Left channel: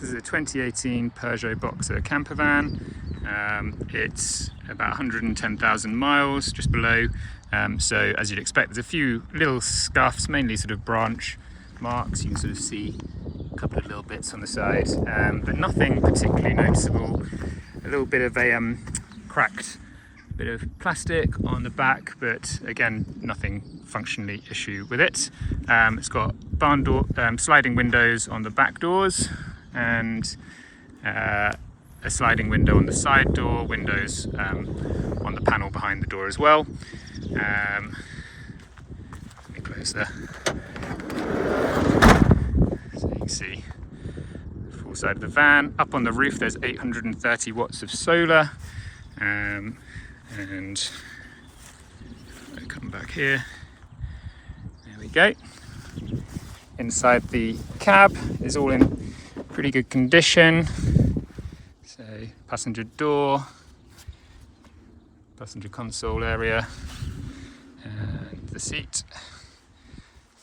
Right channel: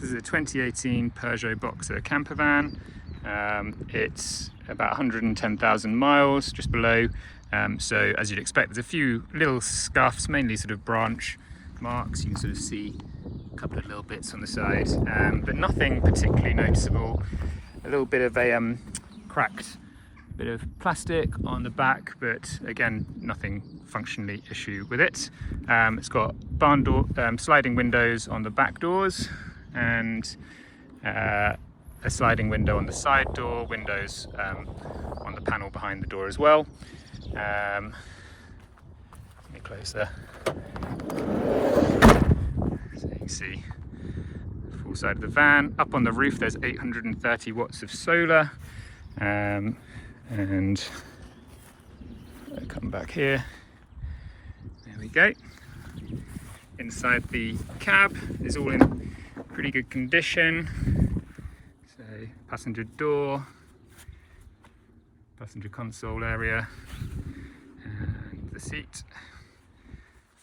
This is a 2018 Pergeot Boxer campervan. It's about 110,000 miles, just below. So as you'd expect, there's a few little scuffs, mainly sort of branch marks. You can sort of see a couple of little bits on the side, but nothing particularly noticeable. A little bit of a cracked bit of plastic on the back, but again, nothing functionally issue with it. It's got barn door, sliding windows on the back doors, and a sliding window on the side door, windows on the panel behind the door as well. Let me close there. So you can see the full side of the van. Up on the roof there's 830 watts of solar. And I come back here, there we go. Inside the cab is all in pretty good condition. So passenger door, passenger console area, and the seat,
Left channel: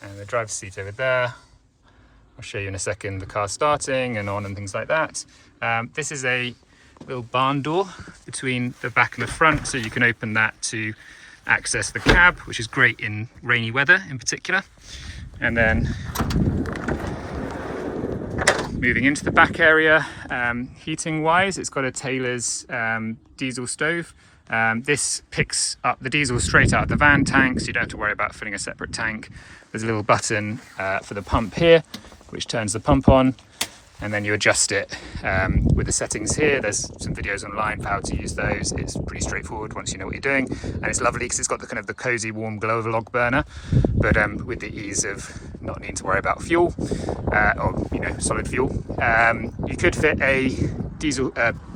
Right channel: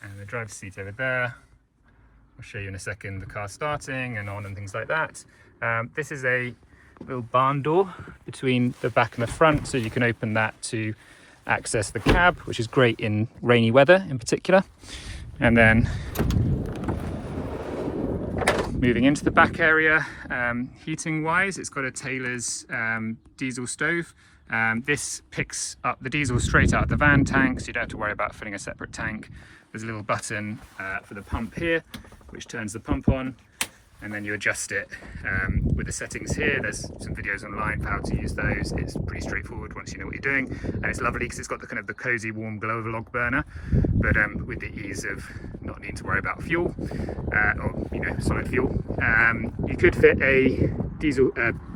and the driver's seat over there. I'll show you in a second the car starting and on and things like that. This is a little barn door between the back and the front, so you can open that to access the cab, which is great in rainy weather in particular. And then moving into the back area, heating wise, it's got a Taylor's diesel stove. This picks up the diesel straight out of the van tank, so you don't have to worry about filling a separate tank. There's a little button for the pump here, which turns the pump on, and then you adjust it with the settings here. There's some videos online for how to use those. It's pretty straightforward once you know what you're doing, and it's lovely because it's got the kind of the cozy warm glow of a log burner, but with the ease of not needing to worry about fuel or solid fuel. You could fit a diesel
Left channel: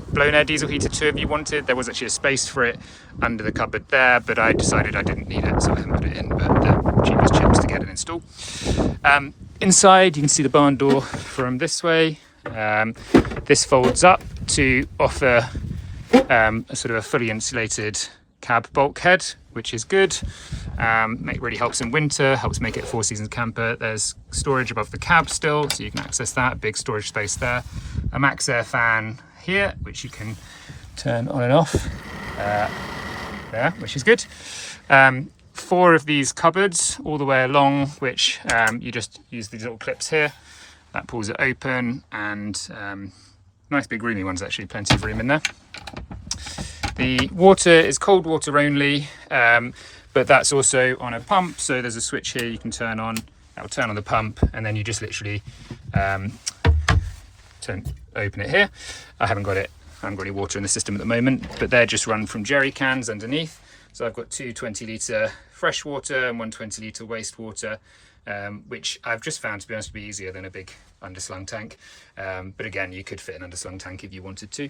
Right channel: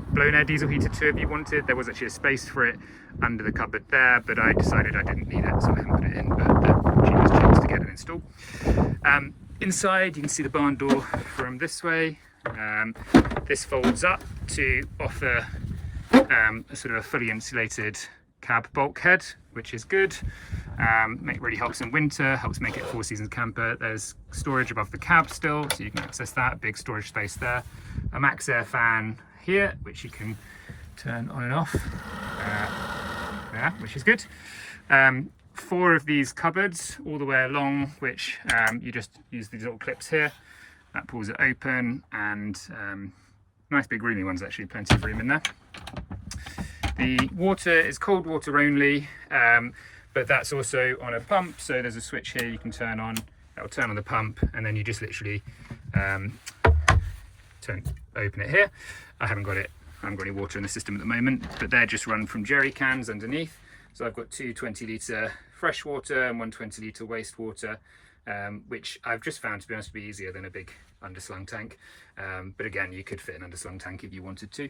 blown air diesel heater too if you wanted. There was actually a space for it under the cupboard there, but I decided I didn't need it, so I haven't put it in, but the cheapest chips to get it installed. Inside you can see the barn door from this way. This folds up to offer a sort of a fully insulated cab bulkhead, which is good. Really helps in winter, helps make it a four seasons camper. There's storage above the cab still, so you can access that, big storage space there. A max air fan here, which you can turn on and off there, which is good. 4 of these cupboards all the way along, which you just use these little clips here. That pulls it open, and nice big roomy ones actually, plenty of room in there. The water is cold water only, but that's also on a pump, so there's a switch here you can turn on. That will turn on the pump, and then you just literally open it here. I haven't got any water in the system at the moment, but they're just run from jerry cans underneath. So I've got 2 20-litre fresh water and 1 20-litre wastewater, which I've just found, to be honest, to be easier than a big underslung tank. But again, you could fit an underslung tank if you wanted to.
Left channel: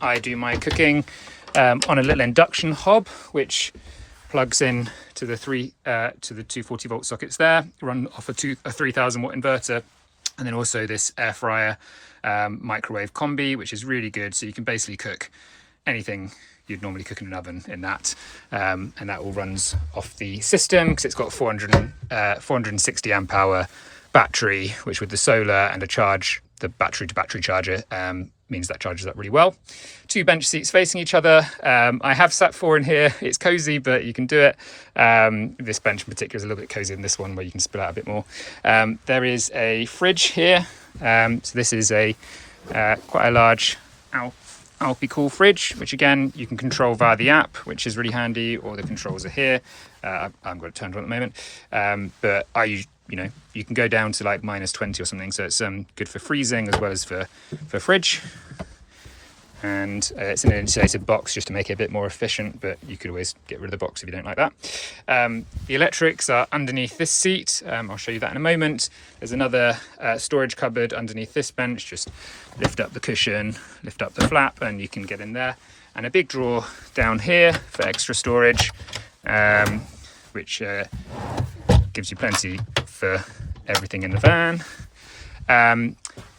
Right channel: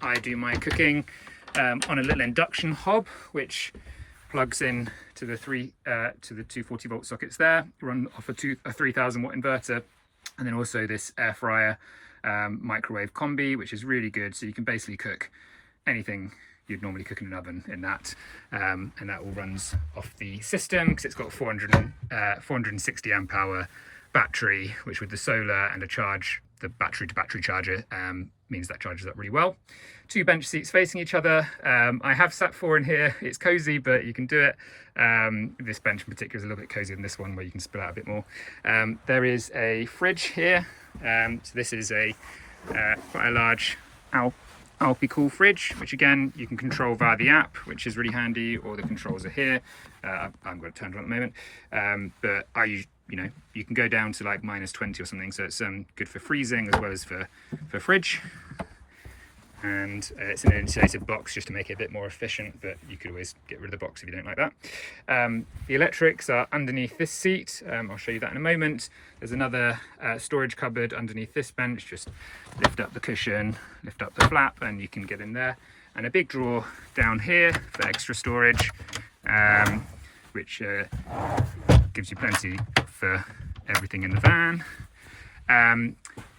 I do my cooking on a little induction hob, which plugs in to the 240 volt sockets there, run off a 3000 watt inverter, and then also this air fryer microwave combi, which is really good. So you can basically cook anything you'd normally cook in an oven in that, and that all runs off the system because it's got 460 amp hour battery, which with the solar and the battery to battery charger means that charges up really well. 2 bench seats facing each other. I have sat 4 in here. It's cozy, but you can do it. This bench in particular is a little bit cozier than this one, where you can spill out a bit more. There is a fridge here. So this is quite a large Alpi-Cool fridge, which again you can control via the app, which is really handy, or the controls are here. I've got it turned on at the moment, but you can go down to like -20 or something, so it's good for freezing as well as for fridge. And it's in an insulated box just to make it a bit more efficient, but you could always get rid of the box if you don't like that. The electrics are underneath this seat. I'll show you that in a moment. There's another storage cupboard underneath this bench. Just lift up the cushion, lift up the flap, and you can get in there. And a big drawer down here for extra storage, which gives you plenty for everything in the van.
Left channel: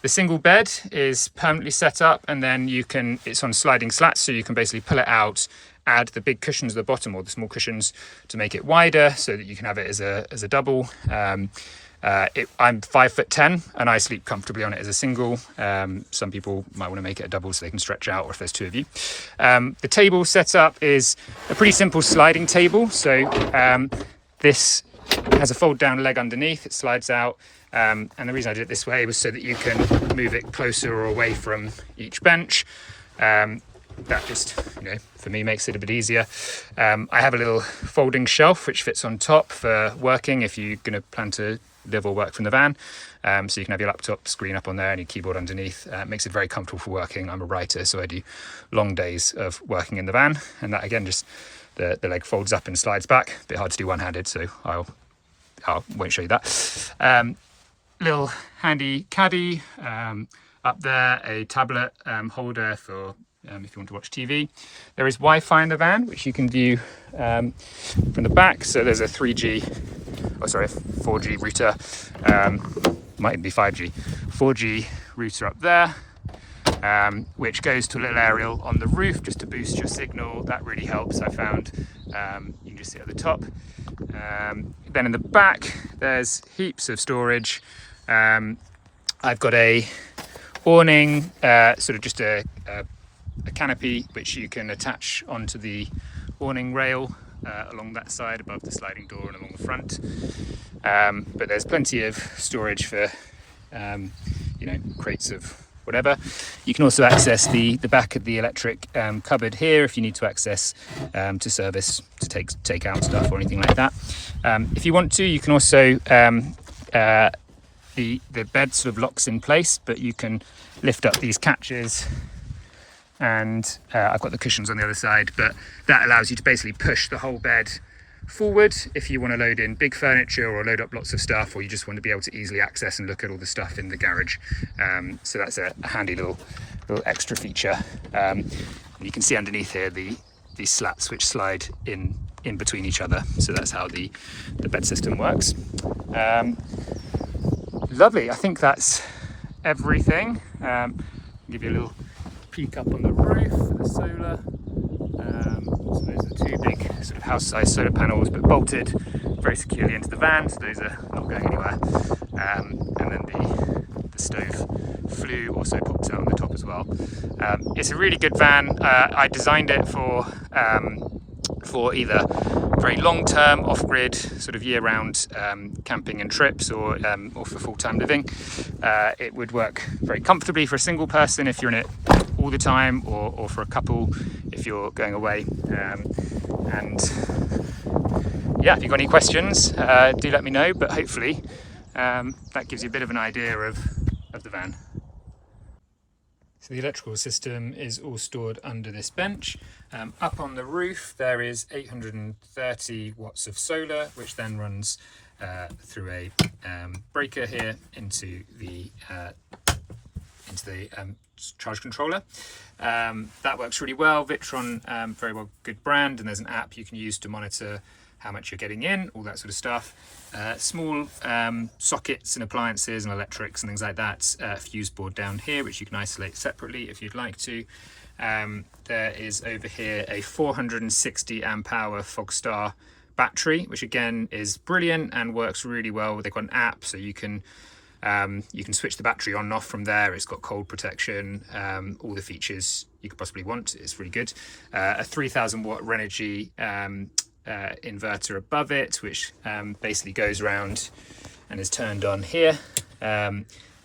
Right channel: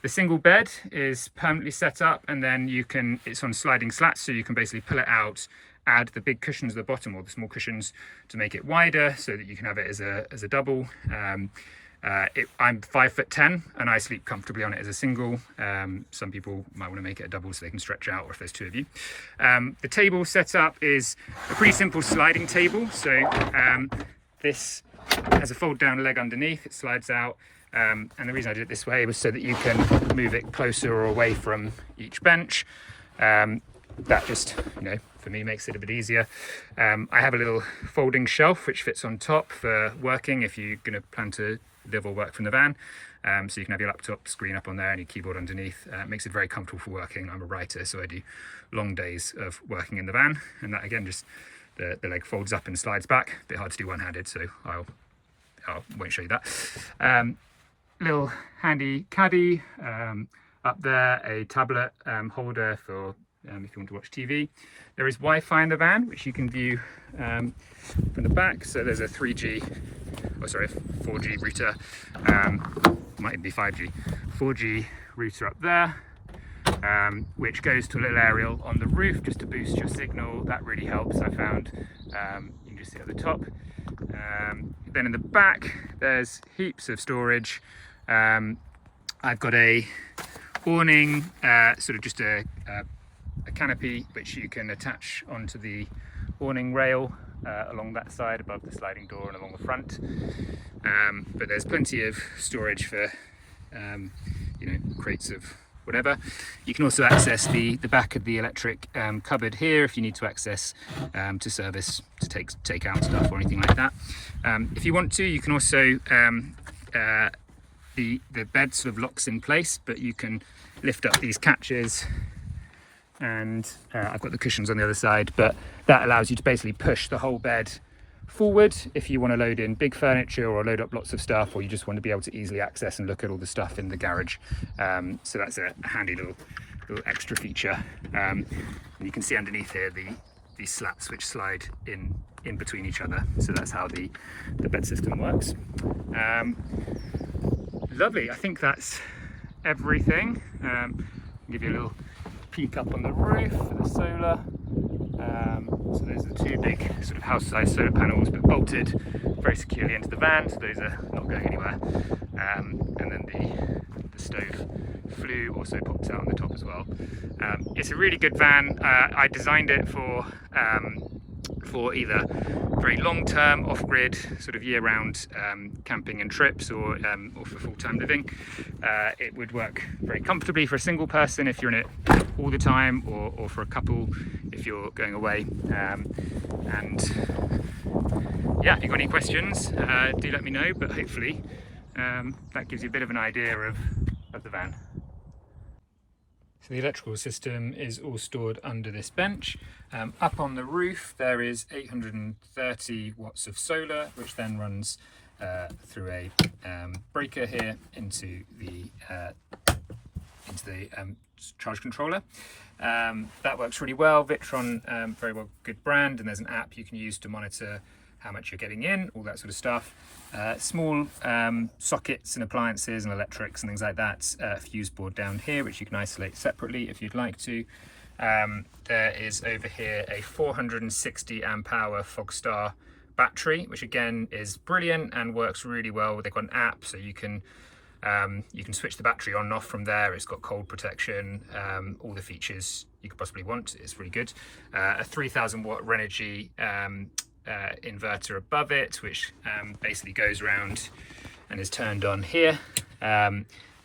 The single bed is permanently set up, and then it's on sliding slats, so you can basically pull it out, add the big cushions at the bottom or the small cushions to make it wider so that you can have it as a double. I'm 5'10" and I sleep comfortably on it as a single. Some people might want to make it a double so they can stretch out, or if there's two of you. The table setup is a pretty simple sliding table. So this has a fold down leg underneath, it slides out. And the reason I did it this way was so that you can move it closer or away from each bench. That just, for me makes it a bit easier. I have a little folding shelf which fits on top for working if you're going to plan to live or work from the van. So you can have your laptop screen up on there and your keyboard underneath. It makes it very comfortable for working. I'm a writer, so I do long days of working in the van. And that again, just the leg folds up and slides back. A bit hard to do one-handed, so I won't show you that. Little handy caddy up there, a tablet holder for if you want to watch TV. There is Wi-Fi in the van, which you can view from the back. So there's a 4G router, might be 5G, 4G router up there, which goes to a little aerial on the roof just to boost your signal. That really helps, I found. You can just see at the top. Then in the back, there's heaps of storage. I've got a awning, sort of just a canopy which you can attach onto the awning rail along that side above the sliding door and along the front. But there's plenty of storage for crates of whatever. You can also access the back of the electric cupboard here if you need to access to service, to take out stuff or anything like that. If you want to, you can also the bed sort of locks in place, but you can lift up these catches, and I've got the cushions on the other side, but that allows you to basically push the whole bed forward if you want to load in big furniture or load up lots of stuff, or you just want to be able to easily access and look at all the stuff in the garage. So that's a handy little extra feature. You can see underneath here these slats which slide in between each other. So that's how the bed system works. Lovely. I think that's everything. I'll give you a little peek up on the roof for the solar. So those are two big sort of house-sized solar panels, but bolted very securely into the van, so those are not going anywhere. And then the stove flue also pops out on the top as well. It's a really good van. I designed it for either very long-term off-grid sort of year-round camping and trips, or for full-time living. It would work very comfortably for a single person if you're in it all the time, or for a couple if you're going away. And yeah, if you've got any questions, do let me know, but hopefully that gives you a bit of an idea of the van. So the electrical system is all stored under this bench. Up on the roof there is 830 watts of solar, which then runs through a breaker here into the charge controller. That works really well. Victron, very well, good brand, and there's an app you can use to monitor how much you're getting in, all that sort of stuff. Small sockets and appliances and electrics and things like that. Fuse board down here, which you can isolate separately if you'd like to. There is over here a 460 amp hour Fogstar battery, which again is brilliant and works really well. They've got an app, so you can switch the battery on and off from there. It's got cold protection, all the features you could possibly want. It's really good. A 3000 watt Renogy inverter above it, which basically goes around and is turned on here,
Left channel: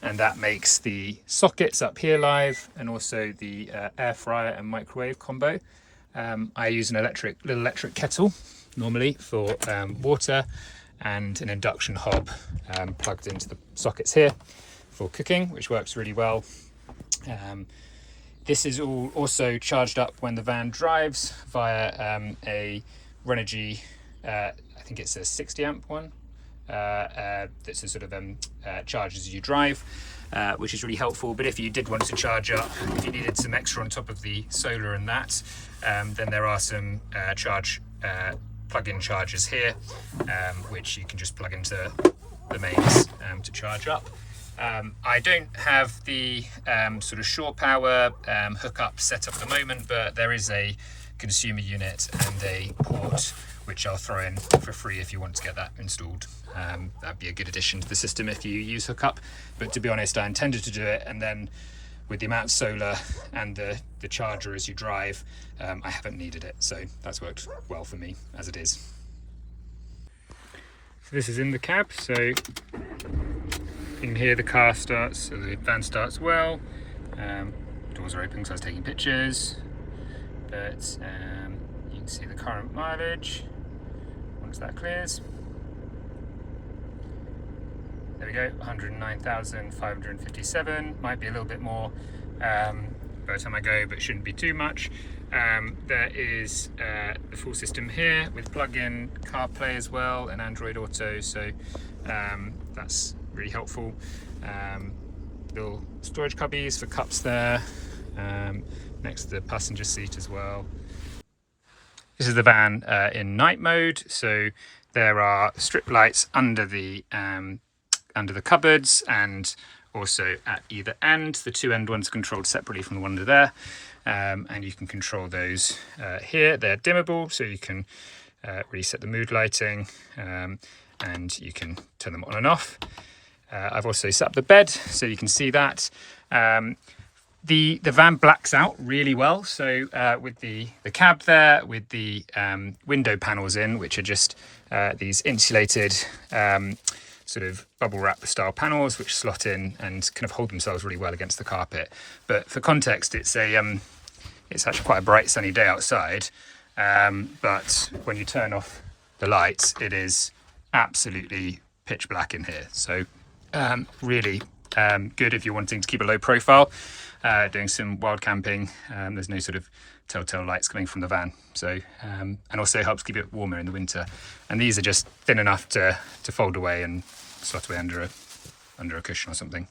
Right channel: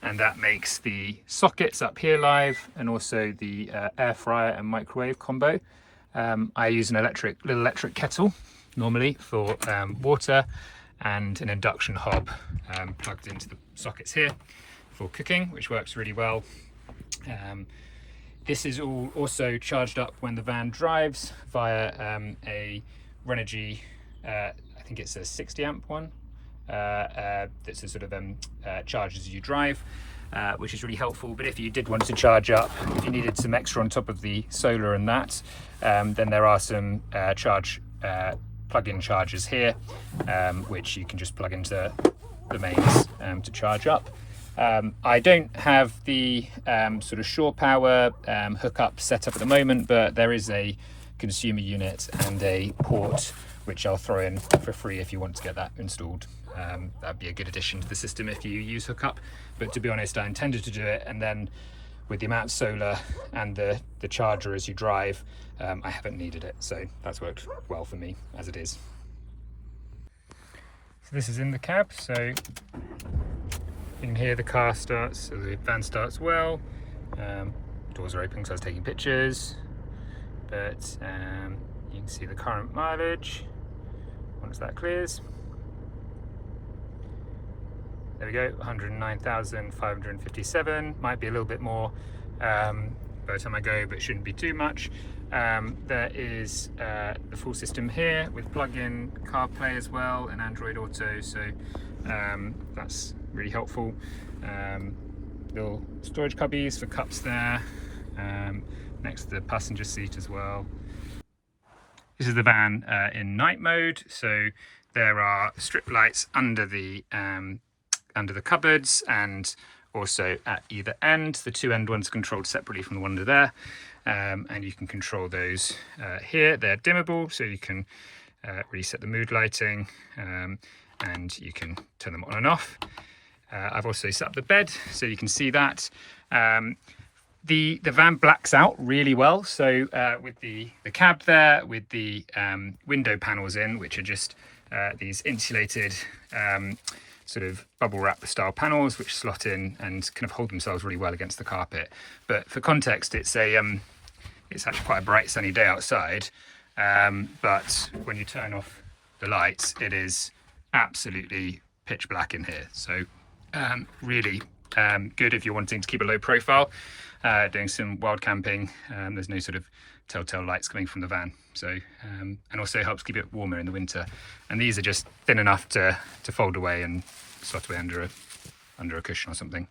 and that makes the sockets up here live, and also the air fryer and microwave combo. I use an little electric kettle normally for water, and an induction hob plugged into the sockets here for cooking, which works really well. This is all also charged up when the van drives via a Renogy, I think it's a 60 amp one, that's a sort of charge as you drive, which is really helpful. But if you did want to charge up, if you needed some extra on top of the solar and that, then there are some plug-in chargers here, which you can just plug into the mains to charge up. I don't have the sort of shore power hookup set up at the moment, but there is a consumer unit and a port which I'll throw in for free if you want to get that installed. That'd be a good addition to the system if you use hookup. But to be honest, I intended to do it, and then with the amount of solar and the charger as you drive, I haven't needed it. So that's worked well for me as it is. So this is in the cab, so you can hear the car starts, so the van starts well. Doors are open because I was taking pictures, but you can see the current mileage once that clears. There we go, 109,557, might be a little bit more by the time I go, but shouldn't be too much. There is the full system here with plug-in CarPlay as well and Android Auto, so that's really helpful. Little storage cubbies for cups there, next to the passenger seat as well. This is the van in night mode, so there are strip lights under the cupboards and also at either end. The two end ones are controlled separately from the one under there, and you can control those here. They're dimmable, so you can reset the mood lighting, and you can turn them on and off. I've also set up the bed so you can see that. The van blacks out really well, so with the cab there, with the window panels in, which are just these insulated sort of bubble wrap style panels which slot in and kind of hold themselves really well against the carpet. But for context, it's actually quite a bright sunny day outside, but when you turn off the lights, it is absolutely pitch black in here. So really good if you're wanting to keep a low profile, doing some wild camping. There's no sort of telltale lights coming from the van, so and also helps keep it warmer in the winter. And these are just thin enough to fold away and slot away under a cushion or something.